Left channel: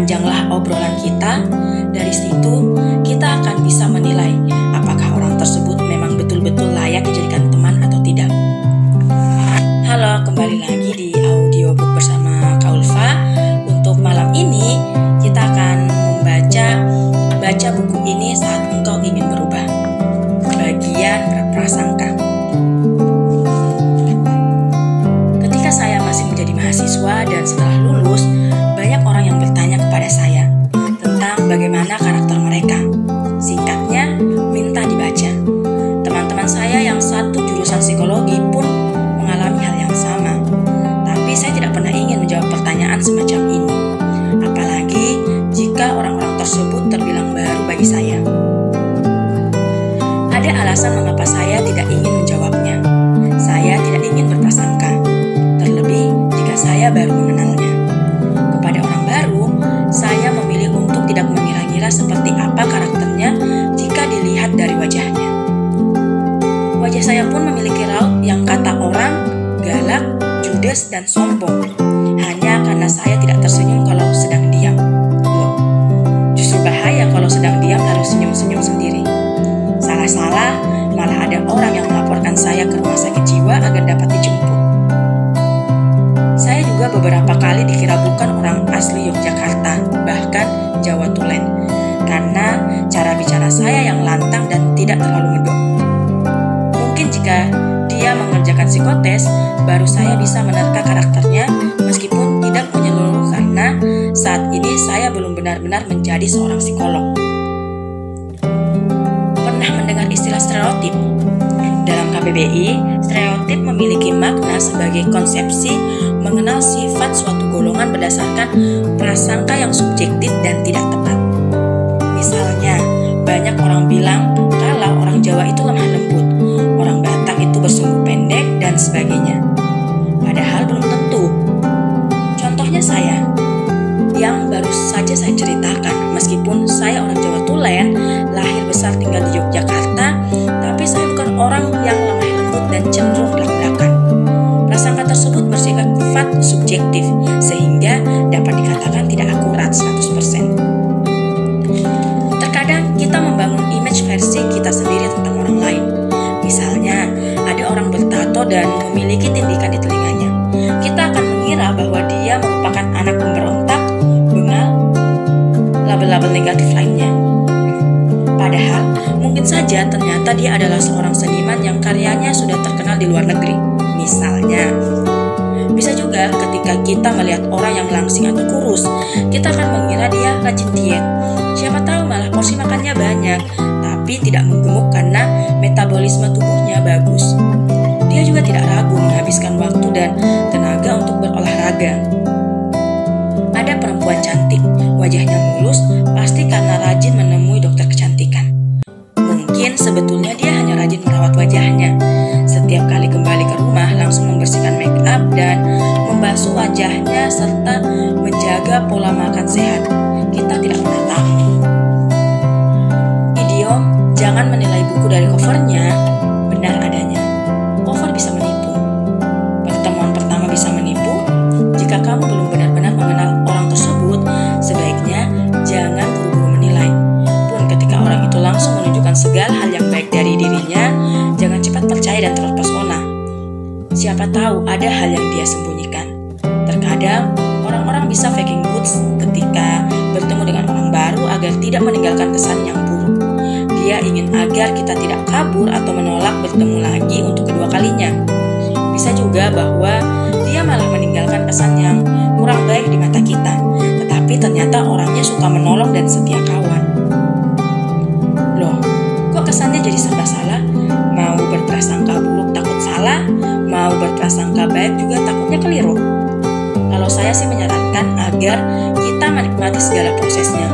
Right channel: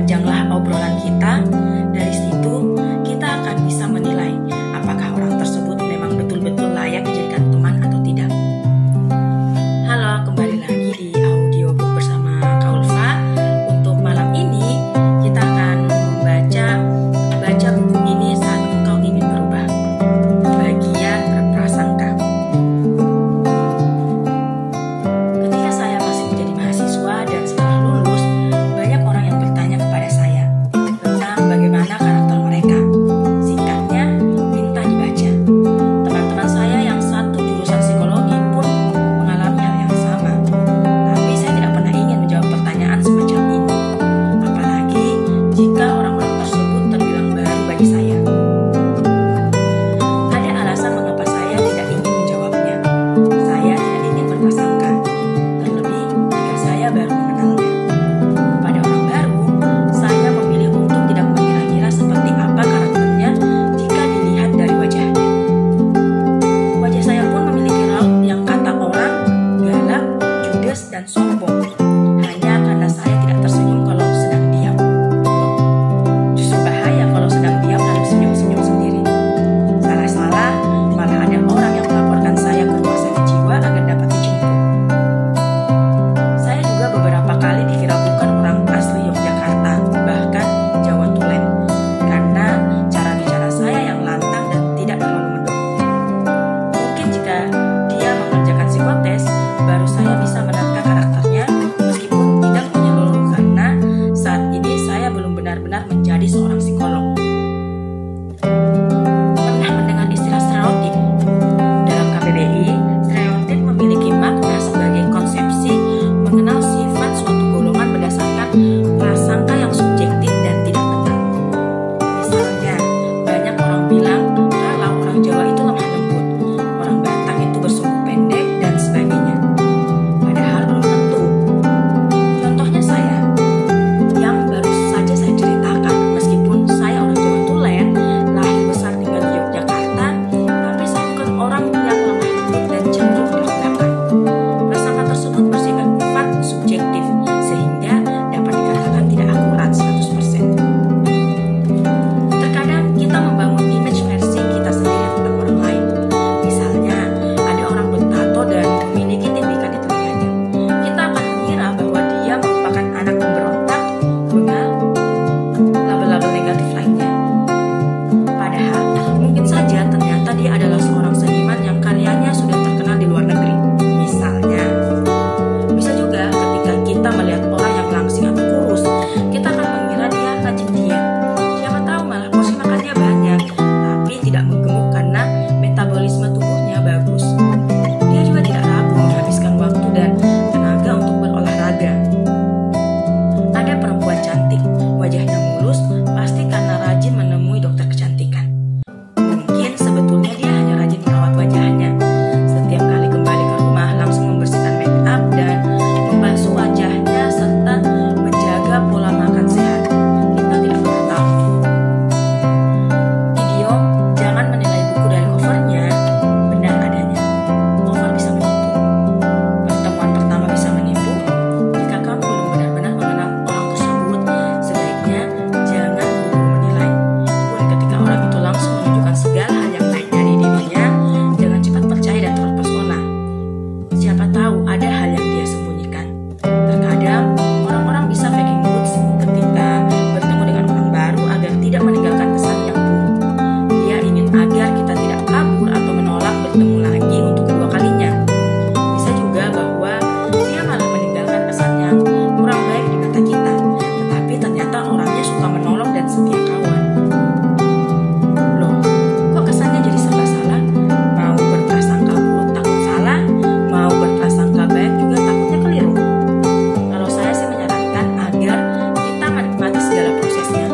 Perpanjanglah obrolan kita. Dari situ kita akan bisa menilai apakah orang tersebut memang betul-betul layak dijadikan teman atau tidak. Halo, kembali lagi di audiobook bersama Kaulfa. Untuk malam ini kita akan baca buku ini saat engkau ingin berubah. Bagian berprasangka. Ketika saya masih menjadi mahasiswa dan setelah lulus, banyak orang yang bertanya kepada saya tentang bagaimana karakter mereka. Singkatnya, minta dibaca. Teman-teman saya yang satu jurusan psikologi pun mengalami hal yang sama. Tapi saya tidak pernah ingin menjawab pertanyaan semacam ini. Apalagi jika orang-orang tersebut terbilang baru bagi saya. Ada alasan mengapa saya tidak ingin menjawabnya. Saya tidak ingin berprasangka. Terlebih jika saya baru mengenalnya. Kepada orang baru, saya memilih untuk tidak mengira-ngira seperti apa karakternya jika dilihat dari wajahnya. Wajah saya pun memiliki raut yang kata orang galak, judes, dan sombong. Hanya karena saya tidak tersenyum kalau sedang diam. Loh, justru bahaya kalau sedang diam lalu senyum-senyum sendiri. Salah-salah, malah ada orang yang melaporkan saya ke rumah sakit jiwa agar dapat dijemput. Saya juga beberapa kali dikira bukan orang asli Yogyakarta, bahkan Jawa Tulen, karena cara bicara saya yang lantang dan tidak terlalu medok. Mungkin jika dia mengerjakan psikotes, baru saya bisa menerka karakternya meskipun tidak menyeluruh karena saat ini saya belum benar-benar menjadi seorang psikolog. Pernah mendengar istilah stereotip? Dalam KBBI, stereotip memiliki makna sebagai konsepsi mengenal sifat suatu golongan berdasarkan prasangka yang subjektif dan tidak tepat. Misalnya, banyak orang bilang kalau orang Jawa itu lemah lembut, orang Batak itu bersumbu pendek, dan sebagainya. Padahal belum tentu. Contohnya saya, yang baru saja saya ceritakan, meskipun saya orang Jawa Tulen, lahir besar tinggal di Yogyakarta, tapi saya bukan orang yang lemah lembut dan cenderung belak-belakan. Prasangka tersebut bersifat subjektif, sehingga dapat dikatakan tidak akurat 100%. Terkadang kita membangun image versi kita sendiri tentang orang lain. Misalnya, ada orang bertato dan memiliki tindikan di telinganya. Kita akan mengira bahwa dia merupakan anak pemberontak, bengal, label-label negatif lainnya. Padahal, mungkin saja ternyata dia adalah seorang seniman yang karyanya sudah terkenal di luar negeri. Misalnya, bisa juga ketika kita melihat orang yang langsing atau kurus, kita akan mengira dia rajin diet. Siapa tahu malah porsi makannya banyak, tapi tidak menggemuk karena metabolisme tubuhnya bagus. Dia juga tidak ragu menghabiskan waktu dan tenaga untuk berolahraga. Ada perempuan cantik, wajahnya mulus, pasti karena rajin menemui dokter kecantikan. Mungkin sebetulnya dia hanya rajin merawat wajahnya. Setiap kali kembali ke rumah langsung membersihkan make up dan membasuh wajahnya serta menjaga pola makan sehat. Kita tidak pernah tahu. Idiom jangan menilai buku dari covernya benar adanya. Cover bisa menipu. Pertemuan pertama bisa menipu. Jika kamu belum benar-benar mengenal orang tersebut, sebaiknya jangan buru-buru menilai. Pun ketika orang itu langsung menunjukkan segala hal yang baik dari dirinya, jangan cepat percaya dan terpesona. Siapa tahu ada hal yang dia sembunyikan. Terkadang orang-orang bisa faking goods ketika bertemu dengan orang baru agar tidak meninggalkan kesan yang buruk. Dia ingin agar kita tidak kabur atau menolak bertemu lagi untuk kedua kalinya. Bisa juga bahwa dia malah meninggalkan kesan yang kurang baik di mata kita, tetapi ternyata orangnya suka menolong dan setia kawan. Loh, kok kesannya jadi serba salah? Mau berprasangka buruk takut salah, mau berprasangka baik juga takutnya keliru. Kalau saya sih menyarankan agar kita menikmati segala prosesnya.